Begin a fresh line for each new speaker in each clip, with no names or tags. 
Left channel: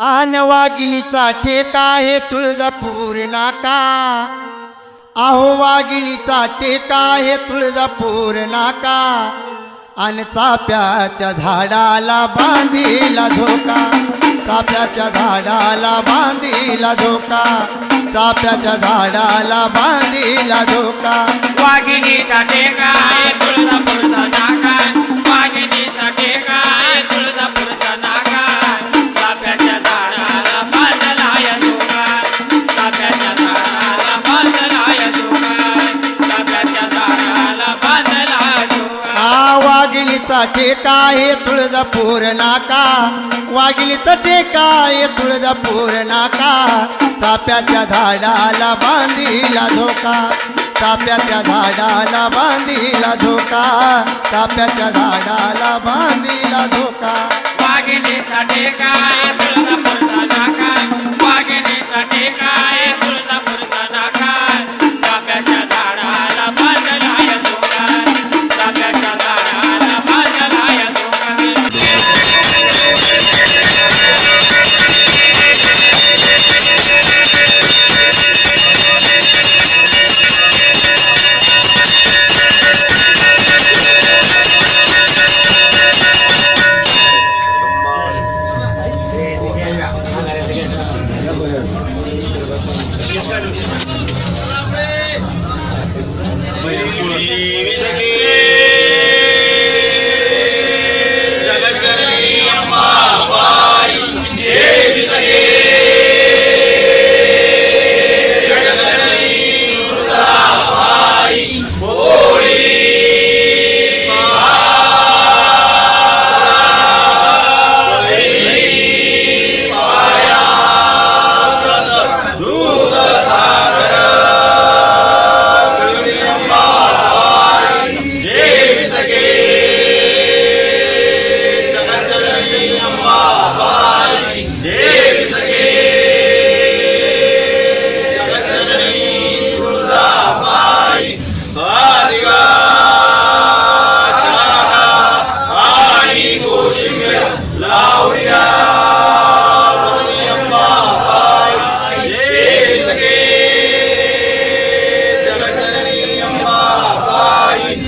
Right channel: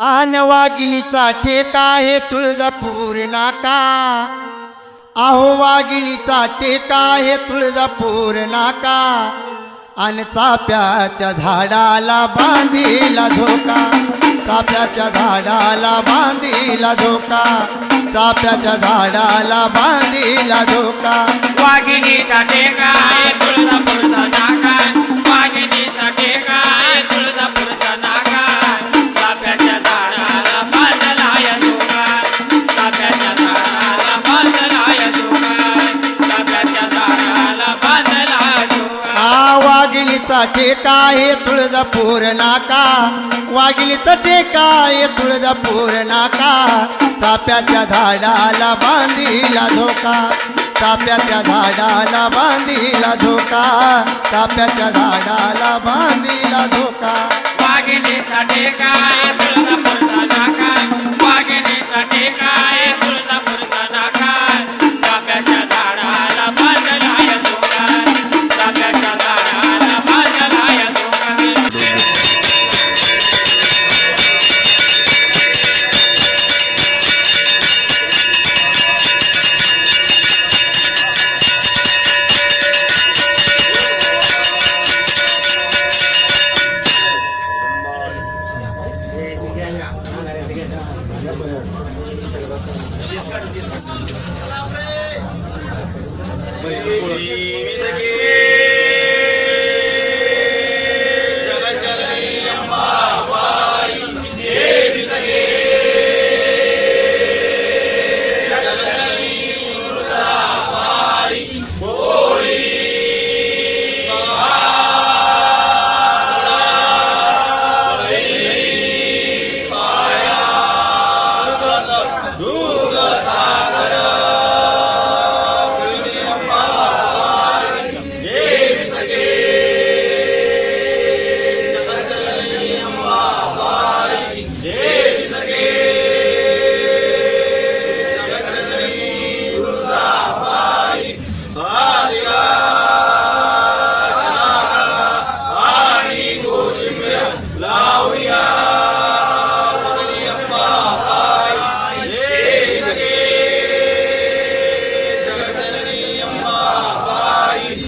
आन टेका ठेका आहे तुळजापूर नाका. आहो वाघिणीचा टेका आहे तुळजापूर नाका. आणि चाप्याच्या झाडाला बांधीला झोका. चाप्याच्या झाडाला बांधीला झोका. चाप्याच्या झाडाला बांधीला झोका.
वाघिणीचा टेका आहे तुळजापूरचा नाका
हा वाघिणीचा हे आहे तुळजापूर नाका. वाघिणीचा ठेका हे तुळजापूर नाका. चाप्याच्या झाडाला बांधीला झोका चाप्याच्या झाडाला बांधीला झोका चाप्याच्या झाडाला बांधीला झोका
वाघिणीचा ठेका तुळजापूरचा नाका. वाघिणीचा ठेका तुळजापूरचा Bueno, pues...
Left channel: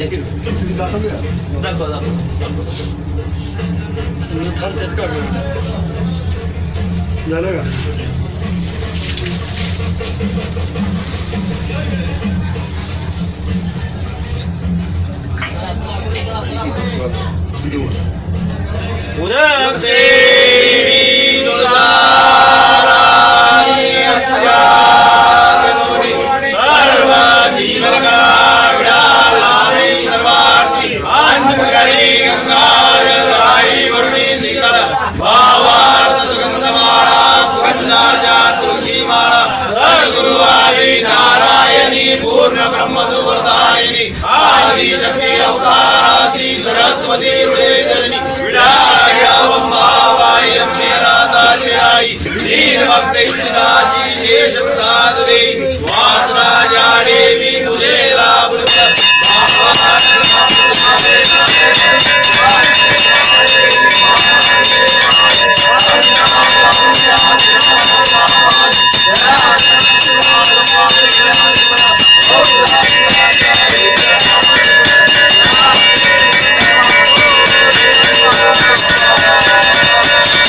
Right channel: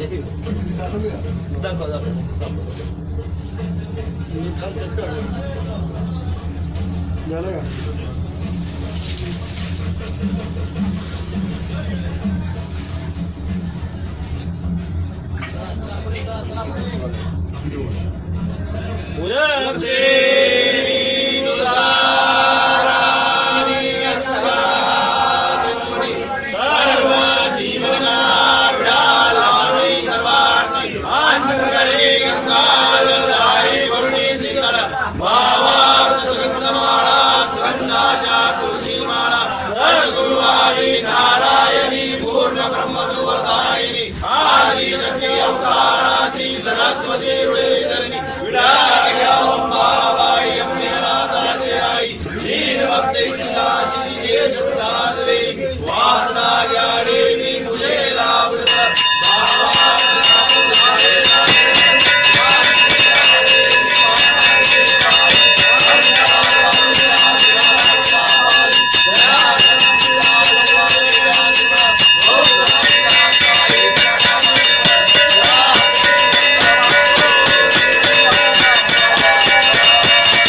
D'accord, d'accord. Nu tar det ska du. Nej, nej. 오늘 혹시 पूर्ण ब्रह्म सुवरदायिनी आदि शक्ति अवताराति सरस्वती हृदयजननी विडायावम्बावाय अम्नेनाथाशयायि श्रीनभक्तैश्चिदाशी शेषप्रदाददे वासराजाडेवी मुझे लाभृत Yeah.